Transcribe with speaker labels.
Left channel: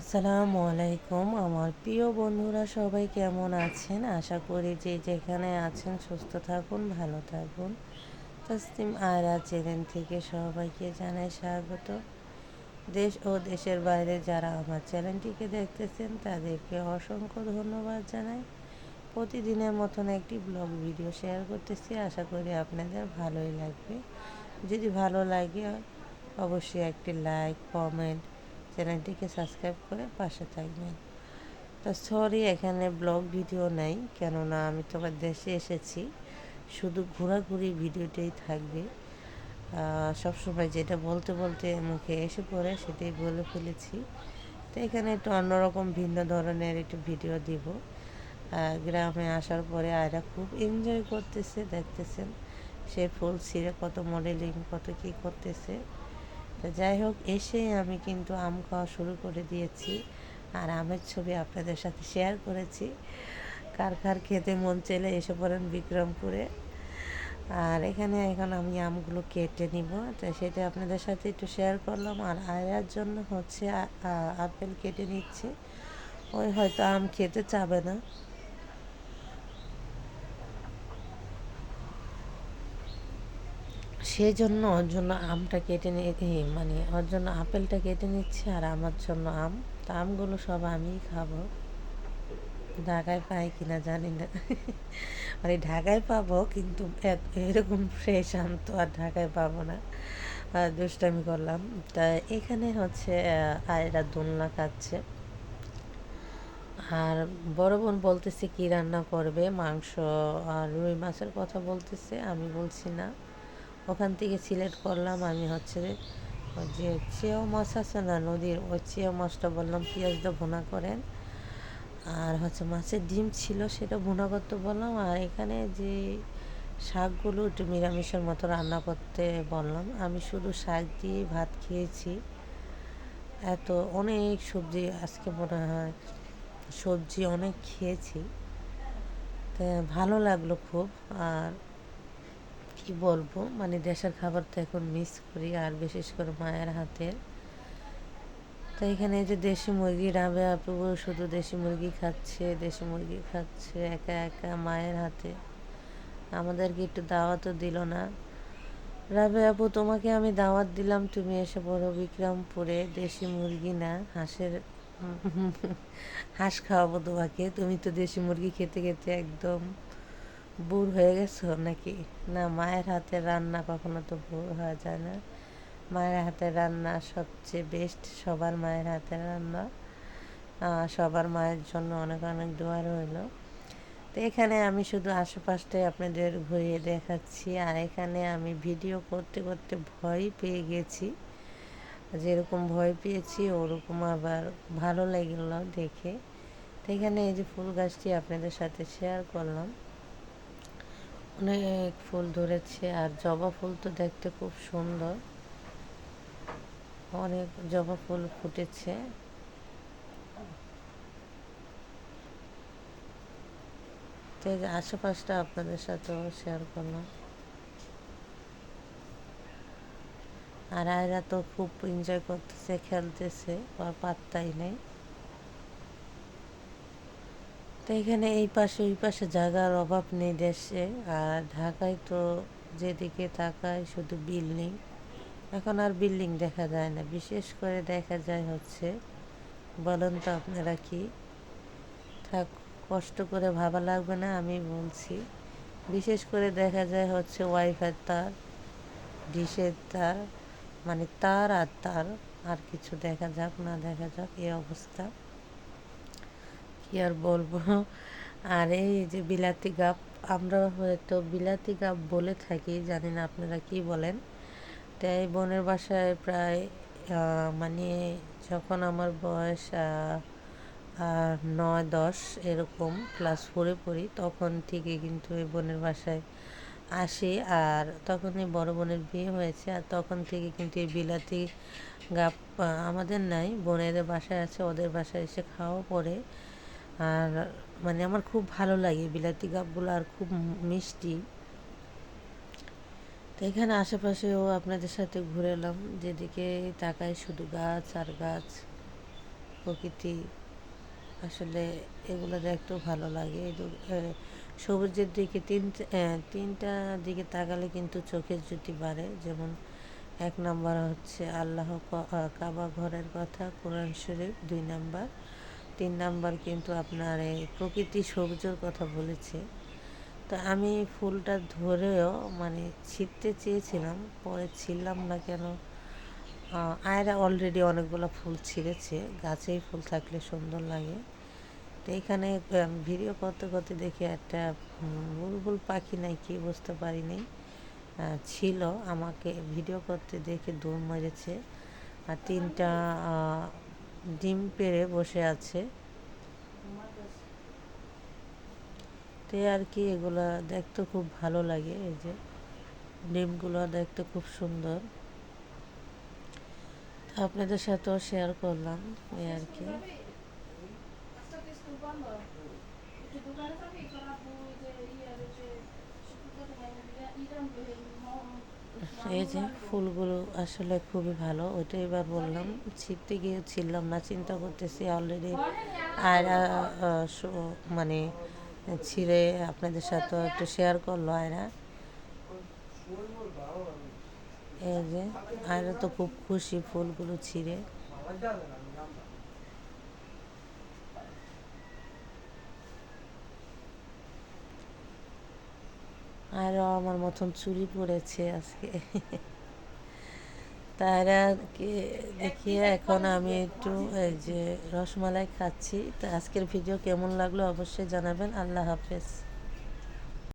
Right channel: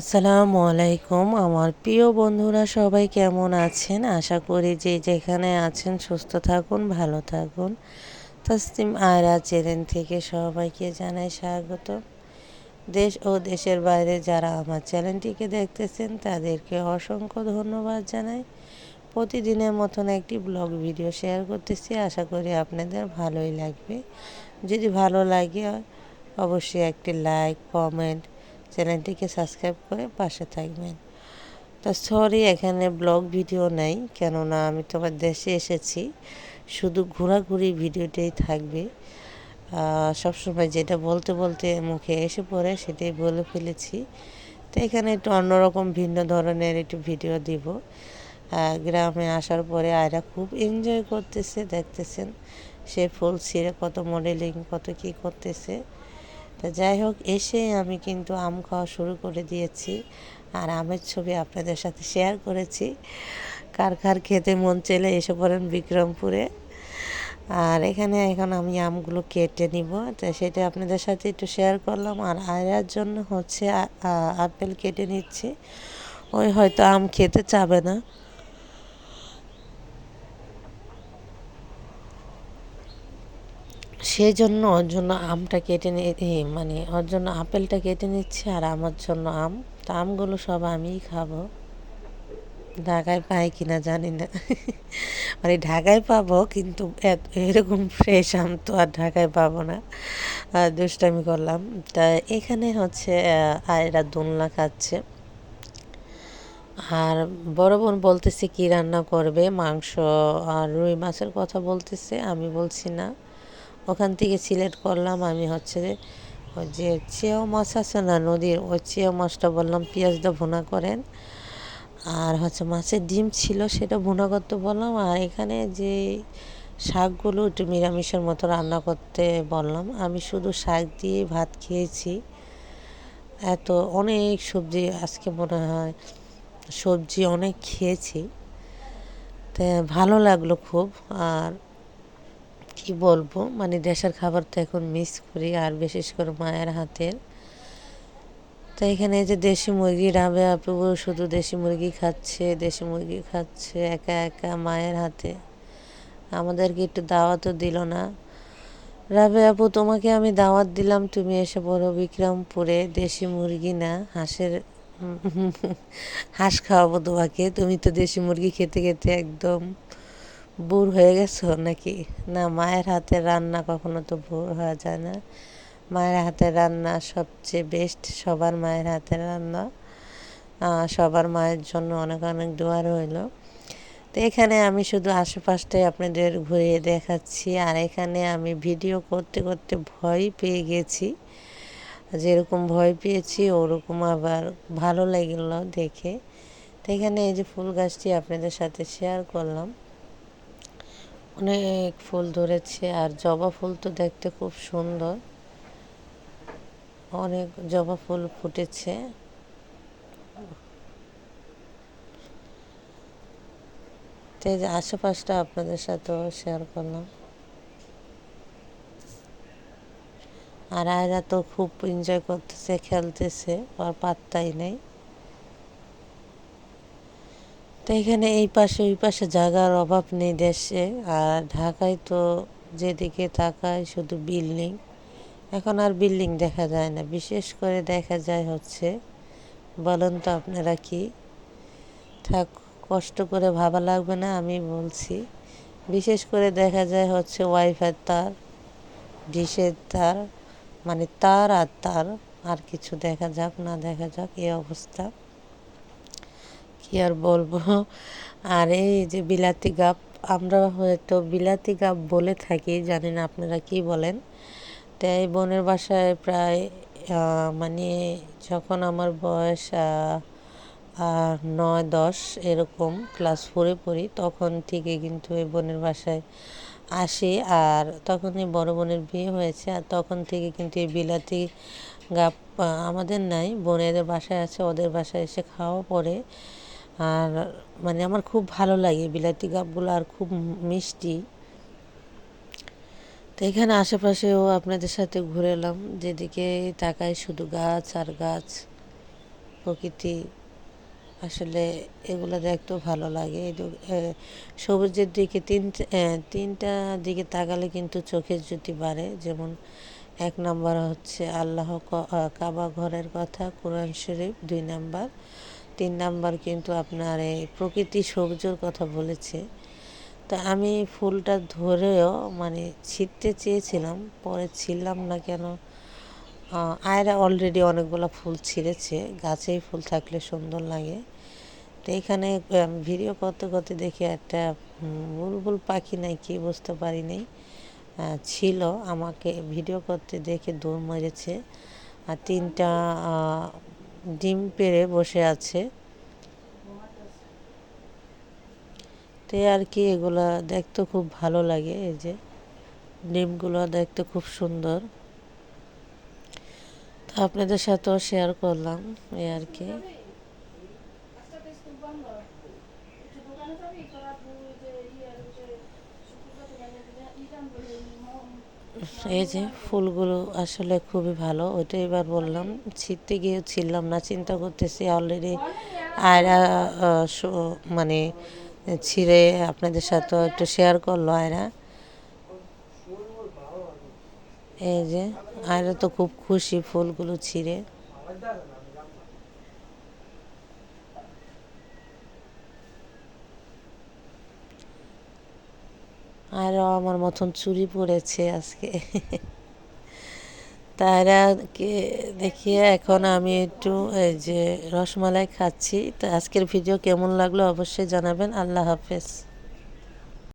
Speaker 1: আসসালামু আলাইকুম। আমার প্রিয় বন্ধুরা, সবাই কেমন আছেন? আশা করি যে যেখানে আছেন সুস্থ থাকুন, ভালো থাকুন। তাসলিম আয়রা চ্যানেল থেকে সবাইকে জানাই স্বাগত। দেশ ও দেশের বাইরে যারা আমার চ্যানেলটিকে দেখতেছেন, তাদেরকে অসংখ্য ধন্যবাদ জানাই। প্রতিদিনের মতন একটি ব্লগ ভিডিও শেয়ার করতেছি। আশা করি আপনাদের ভালোই লাগবে। যদি ভালো লাগে, অবশ্যই একটি লাইক, কমেন্ট চ্যানেলটিকে সাবস্ক্রাইব করে পাশে থাকবেন। তো সরি, এখানে ব্লগ ভিডিও নেই, কেননা আমি তোমার দেশে এসেছি। শুধু ঘোরাঘুরি ভিডিওটাই থাকবে। সবসময় যেটা বলতে বলতে মুখে এসে পড়ে সেটাই বলে ফেলেছি। তো এখানে একটু অন্যরকম ভিন্ন ধরনের একটু ভিডিও দিব। গ্রামে আসার পরে আয়রা খুব এনজয় করতেছে, দেখতেছেন। সে ফুল ছিঁড়ে কত মডেলিং কত কি করতেছে। তো যাই হোক, এসে আমি কিন্তু আম খাওয়া শুরু করে দিয়েছি আর আমের ছবি আপনাদের সাথে শেয়ার করেছি। কার কার খেতে মন চলে এসে পড়েন বিক্রমপুরে। আর এখানে এখন আমি আমগুলো কেটে নিব। তো সেটা আপনাদের সাথে একটু শেয়ার করলাম। আর আয়ার জন্য হচ্ছে আপেল কেটে নিচ্ছি। ওই হয়তো আম খেতে চাবে না। সেই জন্য ওর জন্য আমটা কেটে নিয়ে মানে ওর জন্য আপেলটা কেটে নিচ্ছে আর আমার জন্য আম। তা আমগুলো সব আমিই খাব। ঢাকায় পাই কিনা জানি না। মানে ঢাকায় পাবো কিন্তু এরকম ফ্রেশ আম তো আর ঢাকায় পাবো না। দুষ্টামি করলাম। তা এখানে হচ্ছে আয়রা দোলনা খাচ্ছে। আর বড় বোন বলতেছে কি রান্না করবে, মাংস আর রুই মাছের কথা বলতেছে, আমি বলছি না। ওখান থেকে সিলেক্ট করলাম আমি হচ্ছে যে চেয়াও মাছ আছে না নদীর, ওই চেয়াও মাছটা বললাম পেঁয়াজটা ভুনা করেন। আর হচ্ছে মাছের ডিম ছিল সেটা ভুনা করতে বললাম। আর এখানে যে শাকগুলো একটু নিরামিষের মতো রান্না করতে বললাম। আমি শুধু শাক দিয়ে ভাত খেয়েছি। এত অনেক সবজি আজকে মনে হয় সবজি অনেক খেয়েছি। তা ভালো লাগল খুব। আর কি বলব? মানে দেশের খাবার তো এখন মিস করি, আর বিশেষ করে মায়ের হাতের। তো এখানে যে দেশি মুরগি রাবে আপু শুধু দেশি মুরগি খাচ্ছে, দেশি মুরগি খাচ্ছে, একা একা মায়ের হাতে। আমাদেরকে একটু দাওয়াতও দিল না। রাবে আপু, তোমাকে আমি দাওয়াত দিলাম, তুমি এসে বড় বিক্রমপুরে। দেশি মুরগি না, হাঁসের, হাঁস খাওয়াবো তোমাকে। তুমি তো দেশি মুরগি খেতে খেতে একদম বুর হয়ে গেছো নাকি? না, মায়ের হাতের রান্না কখনো তো বুর হওয়া যায় না। মায়ের হাতের রান্না সবচেয়ে বেস্ট সবার মায়ের হাতের রান্না। সবার মায়ের জন্য অনেক অনেক দোয়া রইল। তো এখানে আমি শুধু আশেপাশটাই আপনাদের ঘুরিয়ে দেখাচ্ছি, আর এখানে আমি ভিডিও করতে করতে ভয় পেয়ে গেছি। যেরকম ভয় পেয়েছি, ওরকম আবার ভালো লাগল দেখে। তো এখানে এই যে ফুল গাছটি আপনাদের সাথে শেয়ার করলাম। অনেক ফুল ধরেছে আর জবা ফুল তো দেখতে খুব সুন্দর। অনেক জবা ফুল ফুটেছে। আশেপাশটা আপনাদের সাথেও শেয়ার করলাম। আর আয়রা তো খুব এনজয় করতেছে, খেলতেছে আর পাত্তাই নেই। তো এখানে এই পাশে, ওই পাশে জায়গার অভাব নেই দেশে। আর ঢাকায় তো যেদিকে তাকায় শুধু বিল্ডিং। এখন আর বিল্ডিং দেখা যায় না। বিশেষ করে দেখা যায় হচ্ছে, বলুন তো আপনারা কি? থাক, কষ্ট করে ভাবা লাগবে না, আমি বলছি। বিশেষ করে দেখা যায় হচ্ছে ওয়াইফাই তার, ডিশের তার মানে তার আর তার, আর কিছু দেখা যাক, না দেখা যাক, এই অবস্থা। কি আর বলব? আর এই যে বিলাতি গাপ আমরা হয়তো বিলাতি গাপ বলে থাকি, জানি না আপনারা কি বলেন। তাই বোনের বাসায় প্রায় মানে যখন আমার বয়স নয়, দশ এরকম, ক্লাস ফোরে পড়ি, তখন থেকে কিন্তু এই বোনের বাসায় আসি। আর তখন এই বড় বোনের বিয়ে হয়েছে, আর তখন থেকে কিন্তু এই বিলাতি গাপ আমাদের নাই বোনেদের বাসায় আছে, ওদের বাসায় এসে খাওয়া পরে আর মানে আমার খুব ভালো লাগে বিলাতি গাবগুলো আর খুব মিষ্টি। তো এখানে আশেপাশেও আপনাদের সাথে ঘুরে এলাম, যেদিকে তাকায় শুধু গাছ আর গাছ, প্রকৃতি। আসলে এগুলো দেখতেও ভালো লাগে। সবুজের দিকে তিন তিনটা দিকে তাকালে কিন্তু চোখের জ্যোতি বাড়ে। যেমন এক নম্বর হচ্ছে আল্লাহ কাবা ঘরের কথা, কোরআন শরীফ দুই নাম্বার। তিন নাম্বার কিন্তু আপনার এই প্রকৃতি সবুজের কথা বলেছে। তা আমি ফুলটা ধরেও মানে ছিঁড়তে চেয়েছিলাম, পরে ছিঁড়লাম না কেন? আয়রা অলরেডি অনেকগুলো ফুল ছিঁড়েছে, গাছেই ফুল থাকলে সুন্দর লাগে। তো এখানে ভিডিও করতে করতে দেখি একটা বুলবুল পাখি নাই কি বুঝতে পারিনি ছিল, আমাকে ভিডিও করতে দেখে দৌড় মেরেছে। আর তিনটা ডিম পেড়ে বসে আছে তো আর কি এগুলা দেখতে খুব ভালো লাগে এই যে ডিমগুলো দেখতে খুব সুন্দর তো আপনাদের সাথেও শেয়ার করলাম এই আর কি এই যে ফুলগুলো আসলে খুবই ভালো ওইটা এবার বললাম। ছিঁড়তে গিয়ে ছিঁড়লাম না, চিন্তা করতেছি অলরেডি আয়রা মানে ছিঁড়ে আপনাদের সাথেও একটু শেয়ার করল আয়রা। এই যে, আয়রা তো খুব খুশি ফুলগুলো ছিঁড়ে। আরও আমার মতন চুরি পড়েছে আজকে। তারাকে দেখিয়ে এখন আমি একটু, এই যে রসমালাই খাচ্ছি। তো আজকের ভিডিও কেমন লাগল অবশ্যই জানাবেন। আল্লাহ হাফেজ।